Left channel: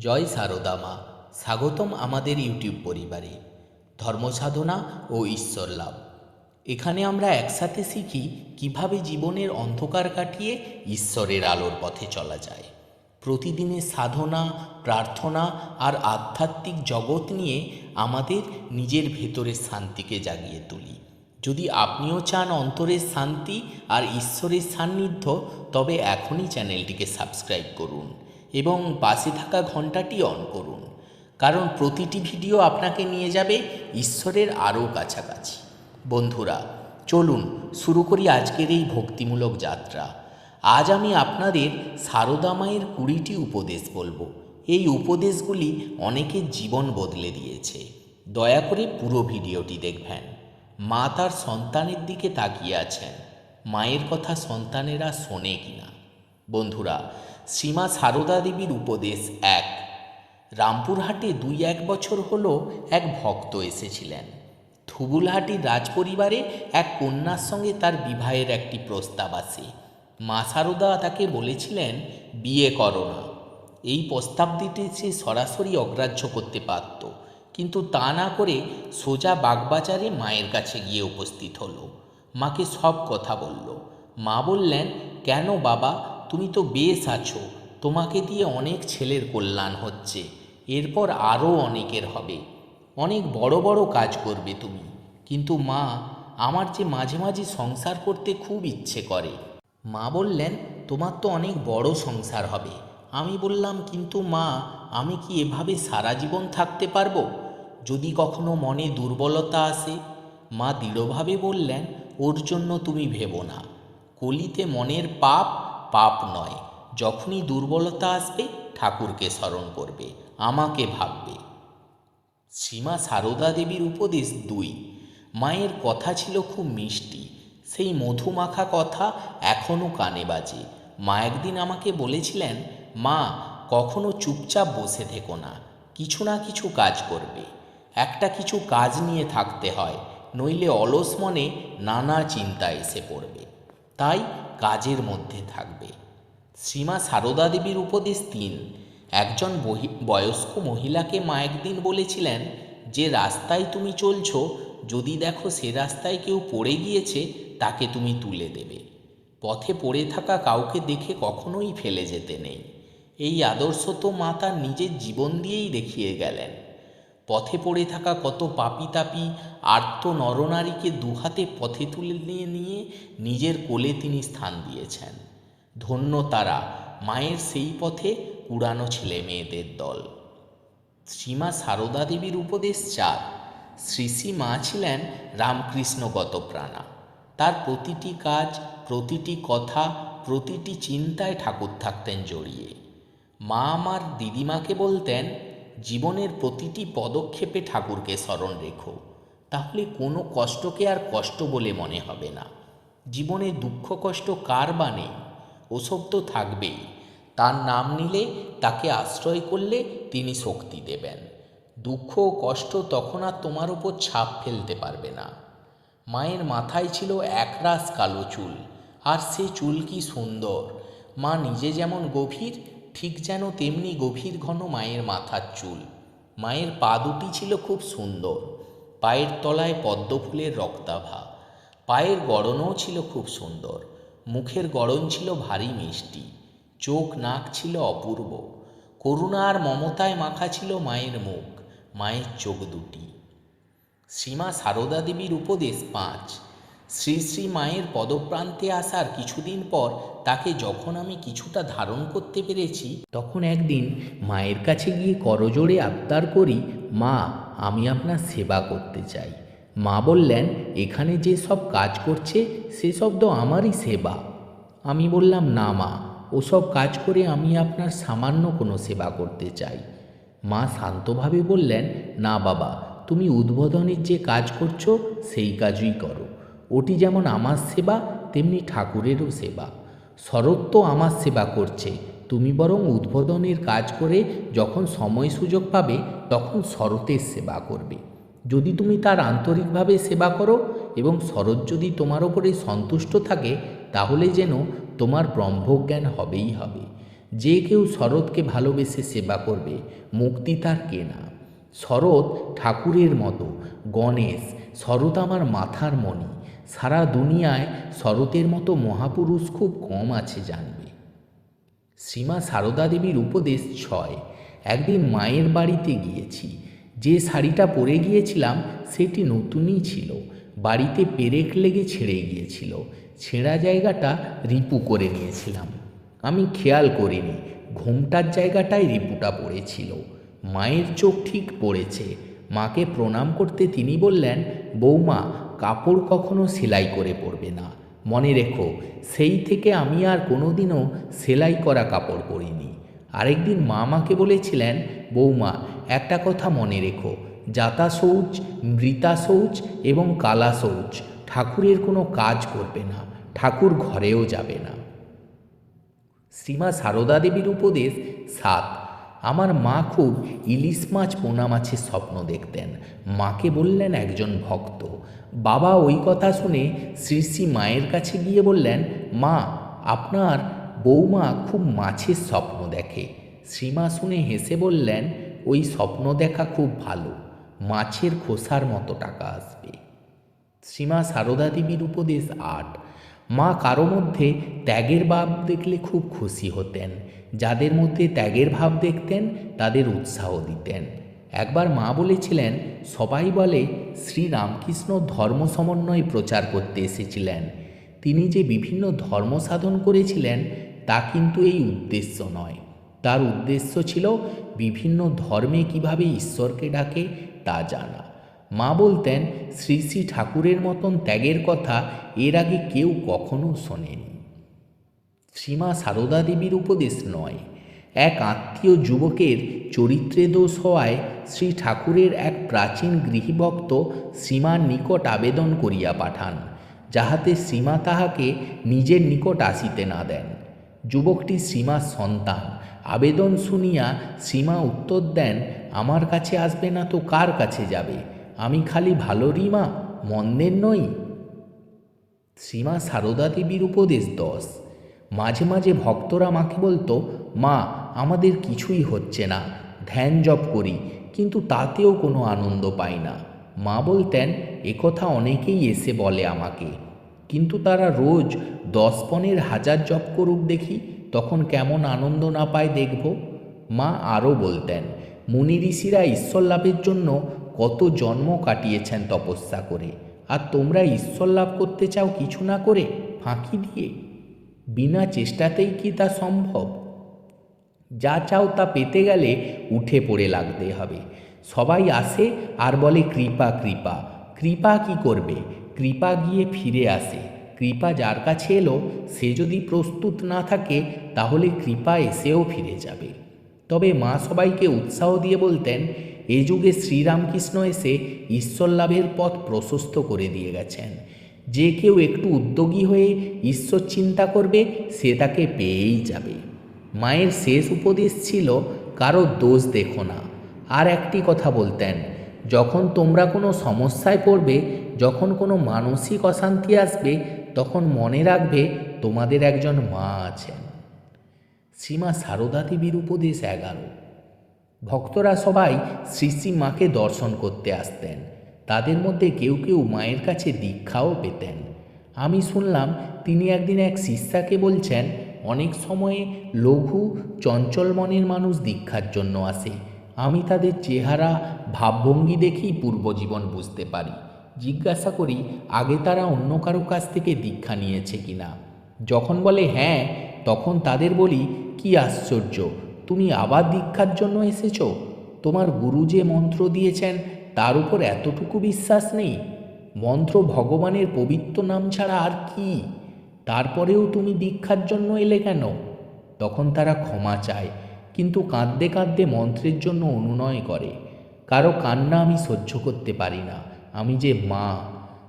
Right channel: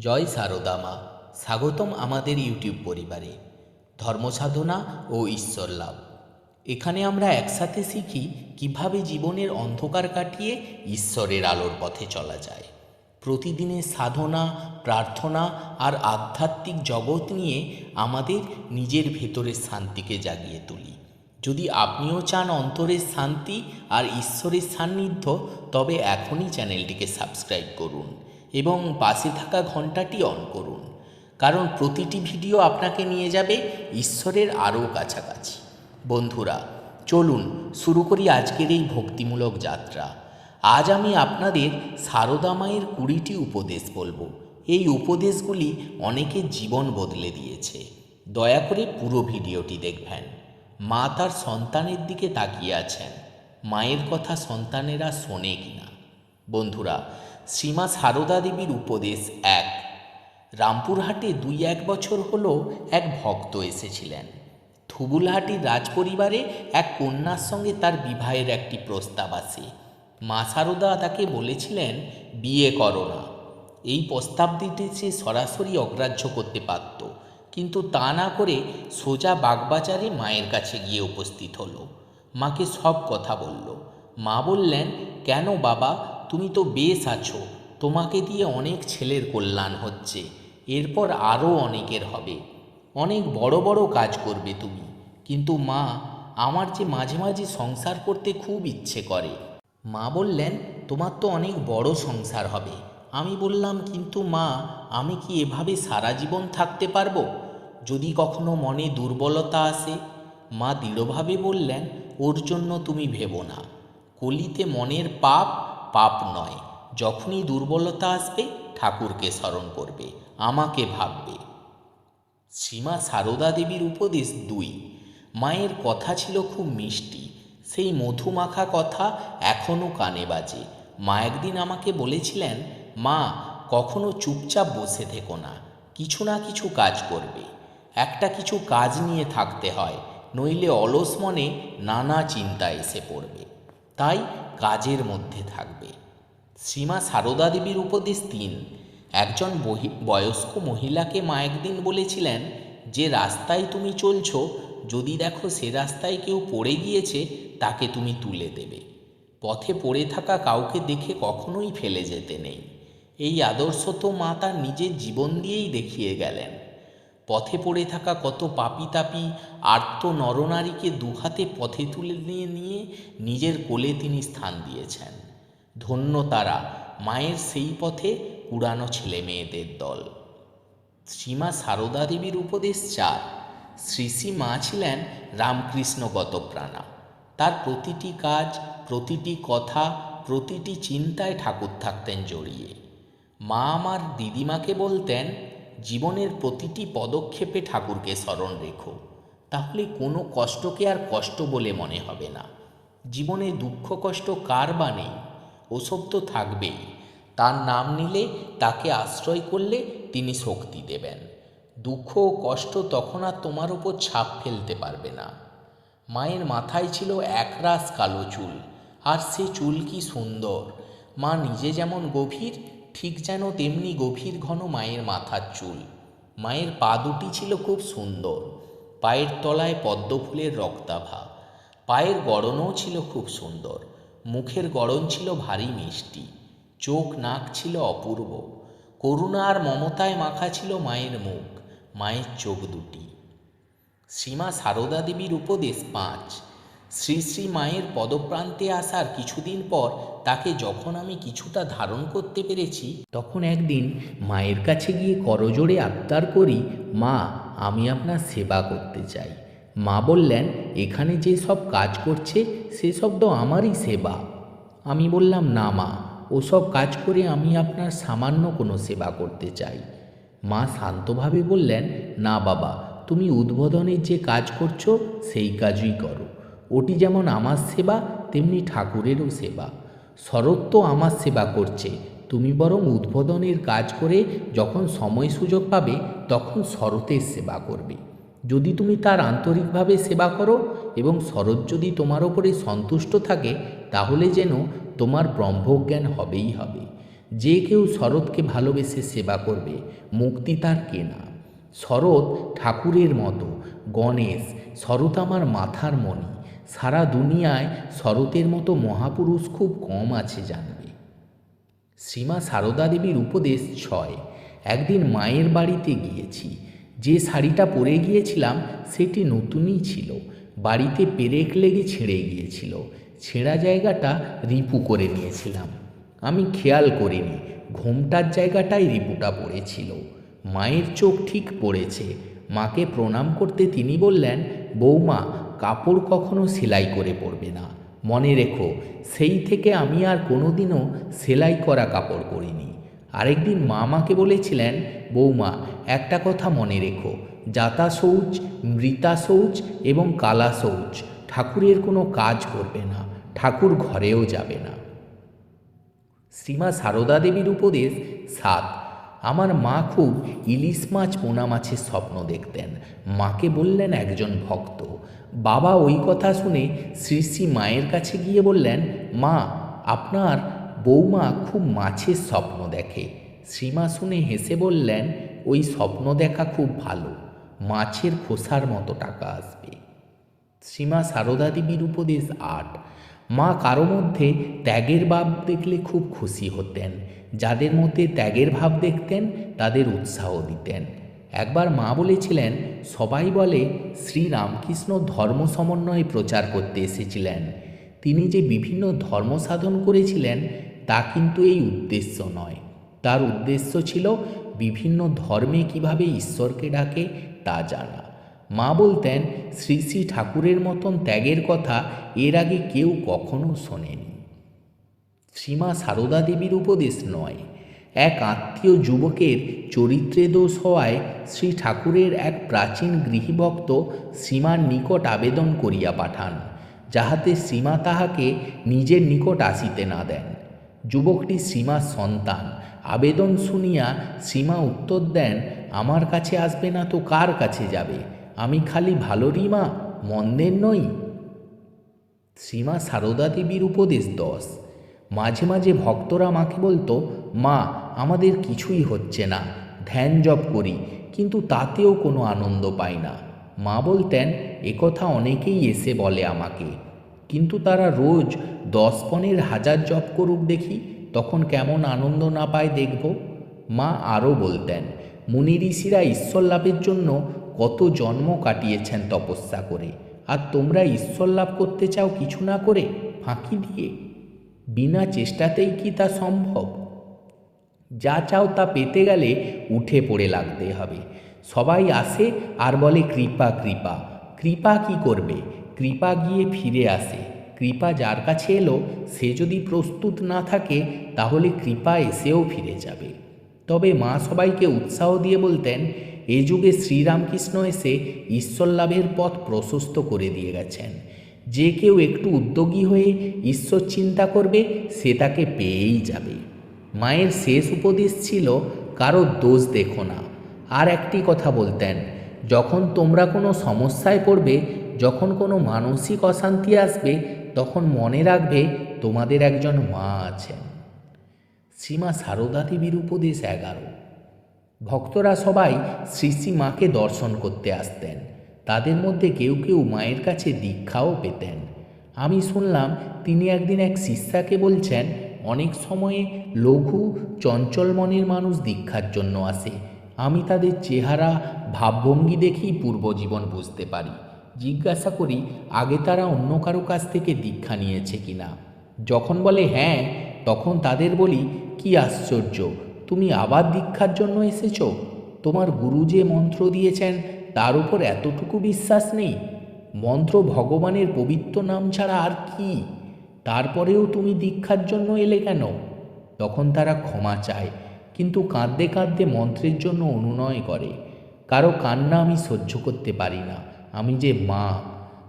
জয় সারদা মা স্বাগতম আমাদের ইউটিউব পরিবারে। ধর্মসাধনা ও ঈশ্বর লাভ। এখানে আমরা একসাথে শিখি কীভাবে জীবনের অন্ধকার কাটিয়ে ঈশ্বরের আলোর পথে চলা যায়। প্রতিদিনের সাধনা, প্রার্থনা আর আধ্যাত্মিক জগৎ নিয়ে আমাদের নিজের ভেতরের শান্তিকে জাগিয়ে তুলি। যদি আপনিও চান অন্তরের শান্তি আর ঈশ্বরের সান্নিধ্য, তবে এখনই চ্যানেলটিকে সাবস্ক্রাইব করুন। এবং পাশে থাকা ঘন্টাটি অন করুন। কারণ প্রতিটি ভিডিও আপনাকে নিয়ে যাবে ঈশ্বরের আরও কাছাকাছি। বন্ধুরা, চলুন শুরু করি আজকের এই ভক্তিমূলক যাত্রা। আজ আমি আপনাদের সারদা মায়ের কুড়িটি উপদেশ বলব। এই উপদেশগুলি অনেকের জীবন বদলে দিয়েছে। দয়া করে পুরো ভিডিওটি দেখবেন। মা তার সন্তানের দিকে তাকিয়ে আছেন। মায়ের কথা সন্তানেরা শোনে কিনা? বন্ধুরা শ্রীমা সারদা দেবীর উপদেশ এক। রামপুরহাটে দুই এক বছর হলো এক ভক্ত এসেছিলেন। থুবুলহাটির রাজপরিবারে এক কন্যার সঙ্গে তার বিবাহের একটি প্রস্তাব আসে মা সারদা তাকে বলেছিলেন, বিয়ে করো না। এই প্রস্তাবটিতে সে সরাসরি অগ্রাহ্য করতে পারত। কিন্তু তা না করে সোজা বাগবাজারে মায়ের কাছে গিয়ে উপস্থিত হলো। মাকে সব কথা বলল। মা বললেন, কেন বাবা? তুমি তো বেশ আছো। তোমাকে দিয়ে অনেক ছেলের কল্যাণ হচ্ছে। এরপর আরও অনেকের হবে। অনেক বড় বড় কাজ করবে তুমি। কিন্তু মা, আমার যে মাঝে মাঝে সংসার করতে খুব ইচ্ছে করে। মা বললেন, তোমার তো অনেক বড় সংসার হবে। আমি বললাম, কিন্তু মা, আমি কি এভাবে সারা জীবন থাকতে পারব? যদি কখনো মনে দুর্বলতা আসে, মা দৃঢ়ভাবে বললেন, ওর জন্য তুমি ভেবো না। কলিতে মনের পাপ পাপ নয়, যখনই দুর্বলতা আসবে, ঠাকুরকে স্মরণ করবে, আমাকে ভাববে। সীমা সারদা দেবীর উপদেশ দুই, মায়ের কথা ছিল খুব মিষ্টি, সেই মধুমাখা কথা এখনও কানে বাজে। মা একদিন আমাকে বলেছিলেন, মা, কখনো চুপচাপ বসে থেকো না, কিছু না কিছু কাজ করবে। একটা কিছু কাজ নিয়ে থাকতে হয়, নইলে অলস মনে নানা চিন্তা এসে পড়বে। তাই কাজের মধ্যে থাকবে। শ্রীমা সারদা দেবীর উপদেশ তিন একজন বয়স্ক মহিলাকে মা একদিন বলেছিলেন, যে রাস্তায় তুমি চলছ, যদি দেখো সে রাস্তায় কেউ পড়ে গিয়েছে, তাকে তুমি তুলে দেবে। পথে পড়ে থাকা কাউকে দেখে কখনোই ফেলে যেতে নেই। এই আদর্শ তো মা তার নিজের জীবন দিয়েই দেখিয়ে গেলেন। পথে পড়ে থাকা কত পাপি তাপি আর্ত নরনারীকে দুহাতে পথে তুলে নিয়ে নিজের কোলে তিনি স্থান দিয়েছেন। ধন্য তারা, মায়ের সেই পথে পুরানো ছেলে মেয়েদের দল। শ্রীমা সারদা দেবীর উপদেশ চার। শ্রী শ্রী মা ছিলেন রামকৃষ্ণগত প্রাণা তার প্রতিটি কাজ, প্রতিটি কথা, প্রতিটি চিন্তায় ঠাকুর থাকতেন জড়িয়ে। মা আমার দিদিমাকে বলতেন জীবনের প্রতিটি পদক্ষেপে ঠাকুরকে স্মরণ রেখো। তাহলে কোনো কষ্টকে আর কষ্ট বলে মনে হবে না। জীবনে দুঃখ, কষ্ট কার বা নেই ওসব তো থাকবেই। তার নাম নিলে, তাকে আশ্রয় করলে তিনি শক্তি দেবেন। দুঃখ ও কষ্ট তখন আর তোমার উপর ছাপ ফেলতে পারবে না। মায়ের মাথায় ছিল একরাশ কালো চুল, আর সে চুল কি সুন্দর। মা নিজে যেমন গভীর ঠিক যেন তেমনি গভীর ঘন মায়ের মাথার চুল। মায়ের পা দুটি ছিল খুব সুন্দর। পায়ের তলায় পদ্ম ফুলের রক্তাভা। পায়ের গড়নও ছিল খুব সুন্দর। মুখের গড়ন ছিল ভারী মিষ্টি। চোখ নাক ছিল অপূর্ব। করুণা আর মমতায় মাখা ছিল মায়ের মুখ, মায়ের চোখ দুটি। শ্রীমা সারদা দেবীর উপদেশ পাঁচ। শ্রী শ্রী মায়ের পদপ্রান্তে আসার কিছুদিন পর তাকে যখন আমি কিছুটা ধারণ করতে পেরেছি, তখন একদিন মায়ের কাছে গিয়ে করজোড়ে আবদার করি, মা, আমি আপনার সেবা করতে চাই। মা বললেন, এখানে যে সব কাজ করছে সেসব তো আমারই সেবা। আমি বললাম, না মা ওসব কাজ করে আমি আপনার সামান্য কোনো সেবা করতে চাই। মা শান্তভাবে বললেন, না বাবা, তুমি উদ্বোধনের যে কাজ করছ, সেই কাজই করো। ওটি যেমন আমার সেবা, তেমনি ঠাকুরেরও সেবা। শরৎ তো আমার সেবা করছে। তুমি বরং উদ্বোধনের কাজ করে যখন সময় সুযোগ পাবে, তখন শরতের সেবা করবে। যদি তুমি তার আন্তরিকভাবে সেবা করো এবং শরৎ যদি তোমার ওপরে সন্তুষ্ট থাকে, তাহলে যেন তোমার ব্রহ্মজ্ঞান হবেই হবে। যে কেউ শরৎকে ভালোবেসে সেবা করবে, মুক্তি তার কেনা। শরৎ ঠাকুরের মতো, গণেশ, শরৎ আমার মাথার মণি। সারা দুনিয়ায় শরতের মতো মহাপুরুষ খুব কম আছে জানবে। শ্রীমা সারদা দেবীর উপদেশ ছয়, একদিন মায়ের বাড়িতে গিয়েছি। যে শাড়িটা পরে গিয়েছিলাম, সেটি নতুনই ছিল। বাড়িতে পেরেক লেগে ছিঁড়ে গিয়েছিল। ছেঁড়া জায়গাটা রিপু করে নিয়েছিলাম। আমি খেয়াল করিনি, ঘোমটার জায়গাটায় রিপুটা পড়েছিল। মায়ের চোখ ঠিক পড়েছে। মাকে প্রণাম করতে তিনি বললেন, বৌমা কাপড় কখনো সেলাই করে পরবে না। মনে রেখো, সেই থেকে আমি আর কোনোদিনও সেলাই করা কাপড় পরিনি। আরেকদিন মা আমাকে বলেছিলেন, বৌমা, একটা কথা মনে রেখো। জাতা শৌচ, মৃতা শৌচ এবং কালা শৌচ ঠাকুরের কোনো কাজ করবে না, ঠাকুর ঘরেও যাবে না। শ্রীমা সারদা দেবীর উপদেশ সাত। আমার মা খুব ইলিশ মাছ, পোনা মাছের স্বপ্ন দেখতেন। মাকে বললেন একজন ভক্ত। বাবা ওই কথা শুনে শ্রী শ্রী মায়ের কাছে গিয়ে বললেন, মা, আপনার বৌমা খুব মাছের স্বপ্ন দেখে। শ্রীমা শুনে হেসে বললেন, ওই স্বপ্ন দেখা খুব ভালো। মাছের খোসার মতো টাকা আসবে। শ্রীমা সারদা দেবীর উপদেশ আট। মা কারও মধ্যে ত্যাগের বাপ দেখলে খুব খুশি হতেন। যাদের মধ্যে ত্যাগের ভাব দেখতেন, তাদের উৎসাহ দিতেন। একবার মা বলেছিলেন, সবাই বলে শ্রী রামকৃষ্ণ ধর্ম সমন্বয়ে প্রচার করতে এসেছিলেন। তিনি যে বিভিন্ন ধর্ম সাধন করেছিলেন, তা কিন্তু এই উদ্দেশ্য নয়। তার উদ্দেশ্য ছিল বিভিন্ন ধর্মে কীভাবে ঈশ্বরকে ডাকে, তা জানা। মা বলতেন, শ্রী শ্রী ঠাকুরের মতন ত্যাগের কথা এর আগে কেউ কখনো শোনেনি। শ্রীমা সারদা দেবীর উপদেশ নয়। এক আত্মীয় যুবকের চরিত্রে দোষ হওয়ায় শ্রী ঠাকুরের এক প্রাচীন গৃহভক্ত শ্রীমার নিকট আবেদন করিয়া পাঠান, যাহাতে শ্রীমা তাহাকে নিজের নিকট আসিতে না দেন। যুবকটি শ্রীমার সন্তান, আবেদন শুনিয়া শ্রীমা উত্তর দেন, আমার কাছে আসবে না তো কার কাছে যাবে? আমি খালি ভালো রিমা মন্দের নই? শ্রীমা সারদা দেবীর উপদেশ দশ। মাঝে মাঝে ভক্তরা মাকে বলতো, মা, আমাদের কিছুই হচ্ছে না, ধ্যান জপ করি, কিন্তু তাতেও কোনো আনন্দ পাই না। মা বলতেন কথা অনেকেই এসে বলে আমাকে, কিন্তু তারা রোজ দশ পনেরো হাজার জপ করুক দেখি, তখন কেমন আনন্দ না পায় দেখব। মা আরও বলতেন, মুনি ঋষিরা ঈশ্বর লাভের জন্য কত জন্ম কাটিয়েছেন তপস্যা করে, আর তোমরা ঈশ্বর লাভ করতে চাও কিছু না করে, ফাঁকি দিয়ে। বিনা চেষ্টাতেই কি তা সম্ভব? যা চাও তা পেতে গেলে উঠে পড়ে লাগতে হবে। সবাই আসে আর বলে, কৃপা কৃপা। কৃপা কি করবে? কৃপা গিয়ে ফিরে আসে। কৃপা যার কাছে এলো, সে যদি প্রস্তুত না থাকে, তাহলে কৃপা এসেও ফিরে যাবে। তবে মা সবাইকে উৎসাহ দিয়ে বলতেন, এ যুগে শ্রীরামকৃষ্ণ এসে ঈশ্বর লাভের পথ প্রশস্ত করে দিয়ে গেছেন। যে কেউ একটু উদ্যোগী হয়ে ঈশ্বর চিন্তা করবে, সে তাকে পেয়েই যাবে। মায়ের শেষ উপদেশ ছিল, কারও দোষ দেখো না। আর একটি কথা বলতেন, যখন তোমরা কোনো সমস্যায় পড়বে, যখন কোনো মানসিক অশান্তি আসবে, তখন মনে রাখবে তোমাদের একজন মা আছেন। শ্রীমা সারদা দেবীর উপদেশ এগারো। ভক্তরা সবাই শ্রী শ্রী মাকে দর্শন করতে আসতেন। তাদের মধ্যে কেউ কেউ মায়ের কাছে দীক্ষাও পেতেন। আমি শুনলাম তিনি একদিন এক শিষ্যাকে বলছেন, অনেক সময়ে লঘু, চঞ্চল মনের মানুষ দীক্ষার জন্য আসে। আমি তাদের চেহারা, ভাবভঙ্গি দেখেই পূর্বজীবন বুঝতে পারি। জিজ্ঞাসা করি, আগে তারা অন্য কারও কাছ থেকে দীক্ষা নিয়েছে কিনা? যখন বলে হ্যাঁ তখন তাদের বলি, কি আশ্চর্য, তুমি আবার দীক্ষার জন্য এসেছ? তোমার গুরু যে মন্ত্র দিয়েছেন তার উপর এতটুকু বিশ্বাস নেই? মন্ত্র ভগবানের পবিত্র নাম ছাড়া আর কি? তারপরেও তুমি দীক্ষার জন্য এলে কেন? তখন তারা ক্ষমা চায়, কিন্তু কাঁদতে কাঁদতে মন্ত্রের জন্য অনুনয় করে। কারও কান্না আমি সহ্য করতে পারি না, আমি যে মা।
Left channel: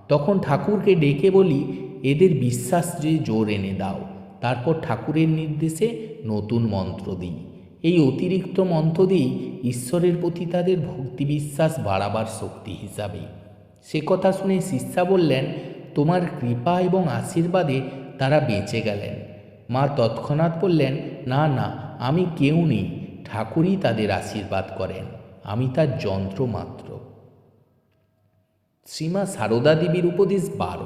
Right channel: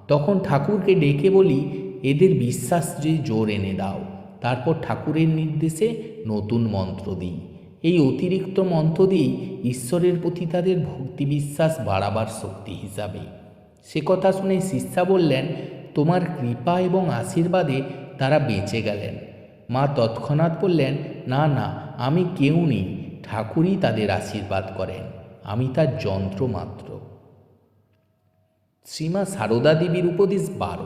তখন ঠাকুরকে ডেকে বলি, এদের বিশ্বাস যে জোর এনে দাও। তারপর ঠাকুরের নির্দেশে নতুন মন্ত্র দিই। এই অতিরিক্ত মন্ত্র দিই ঈশ্বরের প্রতি তাদের ভক্তি বিশ্বাস বাড়াবার শক্তি হিসাবে। সে কথা শুনে শিষ্যা বললেন, তোমার কৃপা এবং আশীর্বাদে তারা বেঁচে গেলেন। মা তৎক্ষণাৎ বললেন, না না, আমি কেউ নেই। ঠাকুরই তাদের আশীর্বাদ করেন। আমি তার যন্ত্র মাত্র। শ্রীমা সারদা দেবীর উপদেশ বারো।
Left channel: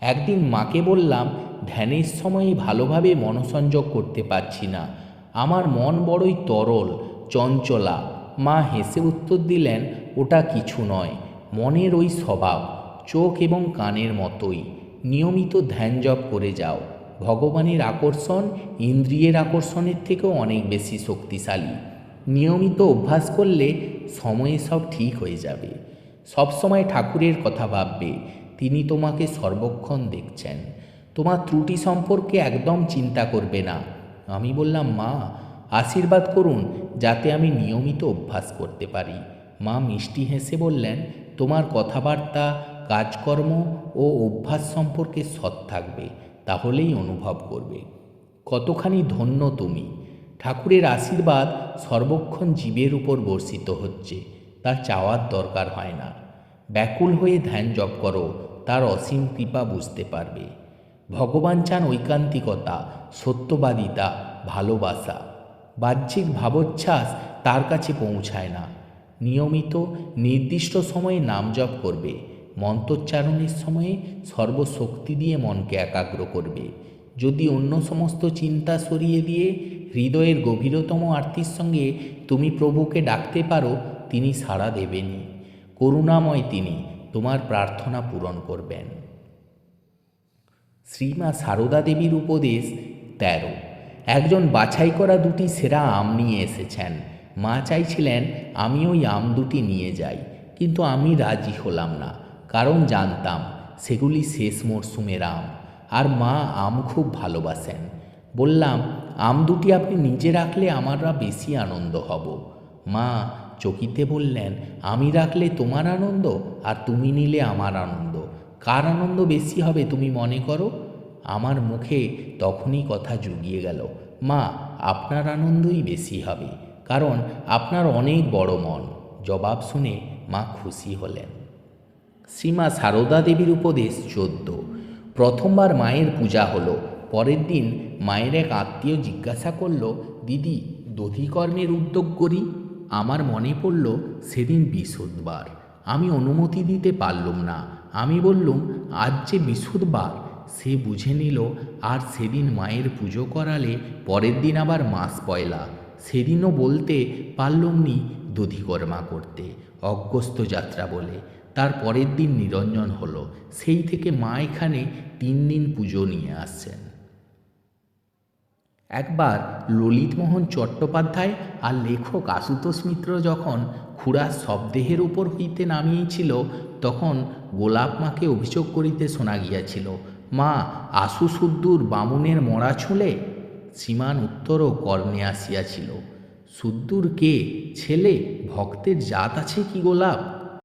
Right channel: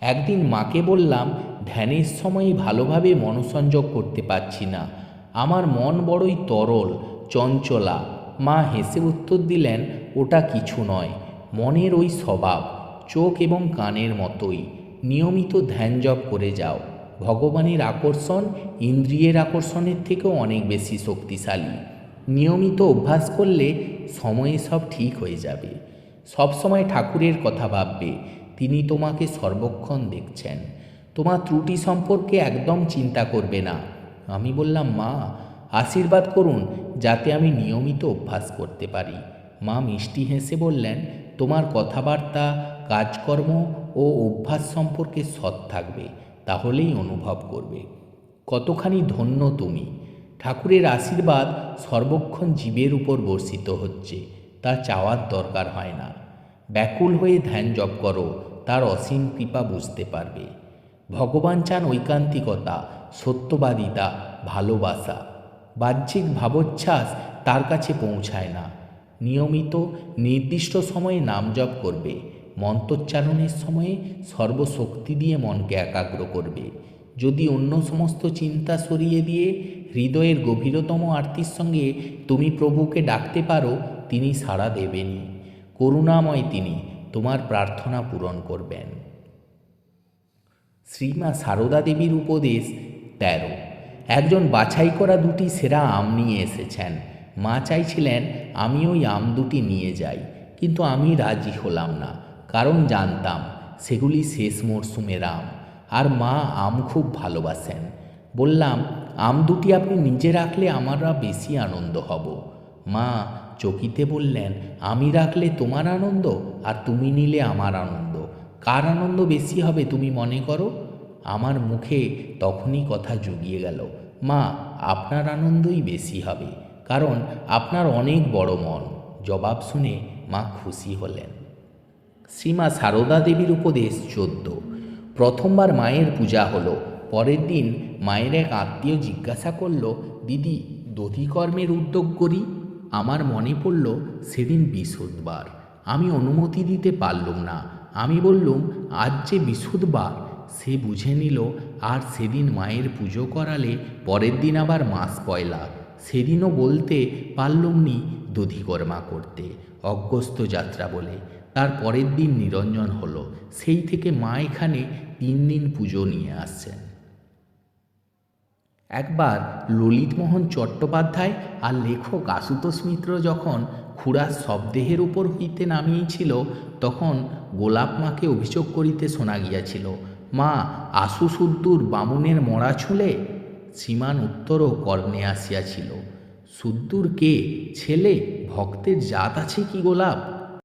একদিন মাকে বললাম, ধ্যানের সময়ে ভালোভাবে মনসংযোগ করতে পারছি না। আমার মন বড়ই তরল, চঞ্চলা। মা হেসে উত্তর দিলেন, ওটা কিছু নয়। মনের ওই স্বভাব, চোখ এবং কানের মতোই। নিয়মিত ধ্যান জপ করে যাও। ভগবানের আকর্ষণ ইন্দ্রিয়ের আকর্ষণের থেকেও অনেক বেশি শক্তিশালী। নিয়মিত অভ্যাস করলে সময়ে সব ঠিক হয়ে যাবে। সবসময় ঠাকুরের কথা ভাববে, তিনি তোমাকে সর্বক্ষণ দেখছেন। তোমার ত্রুটি সম্পর্কে একদম চিন্তা করবে না। আমি বললাম, মা, আশীর্বাদ করুন যাতে আমি নিয়মিত অভ্যাস করতে পারি। মা মিষ্টি হেসে বললেন, তোমার কথাবার্তা, কাজকর্ম ও অভ্যাস সম্পর্কে সৎ থাকবে, তাহলেই অনুভব করবে। কতখানি ধন্য তুমি। ঠাকুরের আশীর্বাদ সর্বক্ষণ জীবের উপর বর্ষিত হচ্ছে তা চাওয়ার দরকার হয় না। ব্যাকুল হয়ে ধ্যান জপ করো, তার অসীম কৃপা বুঝতে পারবে। ভগবান চান ঐকান্তিকতা, সত্যবাদিতা, ভালোবাসা। বাহ্যিক ভাবোচ্ছ্বাস তার কাছে পৌঁছায় না। নিয়মিত নির্দিষ্ট সময়ে নাম জপ করবে। মন্ত্রোচ্চারণের সময়ে সর্বশক্তি দিয়ে মনকে একাগ্র করবে। যদি অন্য সমস্ত চিন্তা সরিয়ে দিয়ে হৃদয়ের গভীরতম আর্তির সঙ্গে তুমি প্রভুকে ডাকতে পারো, তিনি সাড়া দেবেনই। করুণাময় তিনি, তোমার প্রার্থনা পূরণ করবেন। শ্রীমা সারদা দেবীর উপদেশ তেরো। একজন বাছাই করা দুটি সেরা আম নিয়ে এসেছেন। মা চাইছিলেন আমি ওই আম দুটি নিয়ে যাই, কিন্তু আমি রাজি হলাম না, কারণ জানতাম সেগুলি শেষ মরশুমের আম, আর মা আম খুব ভালোবাসেন। বললাম, আম দুটি আপনি নিজে রাখলে আমারা বেশি আনন্দ হব। মা চকিতে বললেন, আমি রাখলে তোমার আনন্দ আর তুমি নিলে আমার আনন্দ। কার আনন্দ বেশি হবে তুমি মনে করো? আমার মুখে তখনই কথা জুগিয়ে গেল, মা, আপনার আনন্দই বেশি হবে, কারণ আপনার অনেক বড় মন। জবাব শুনে মা খুশি হলেন। শ্রীমা সারদা দেবীর উপদেশ চোদ্দ। প্রথমবার মায়ের পূজা হলো, পরের দিন মায়ের এক আত্মীয় জিজ্ঞাসা করল, দিদি, দধিকর্মের উদ্যোগ করি? আমার মনে পড়ল, সেদিন বিশুদ্ধবার আমি অনুমতি দিতে পারলুম না। আমি বললুম, আজ যে বিশুদ্ধবার সে বুঝে নিল, আর সেদিন মায়ের পুজো করালে পরের দিন আবার মাস পয়লা। সেদিনও বলতে পারলুম নি দধিকর্মা করতে অজ্ঞস্ত যাত্রা বলে। তার পরের দিন নিরঞ্জন হলো। সেই থেকে মা এখানে তিন দিন পুজো নিয়ে আসছেন। একবার ললিতমোহন চট্টোপাধ্যায় আর লেখক আশুতোষ মিত্র যখন খুড়ার শবদেহের উপর হইতে নামিয়েছিল, তখন গোলাপ মাকে অভিযোগ করিতে শোনা গিয়াছিল মা আশু সুদ্দুর বামুনের মরা ছলে সীমান উত্তরও কর্ণে আসিয়াছিল। সুদ্দুর কে ছেলে ভক্তের জাত আছে কি গোলাপ?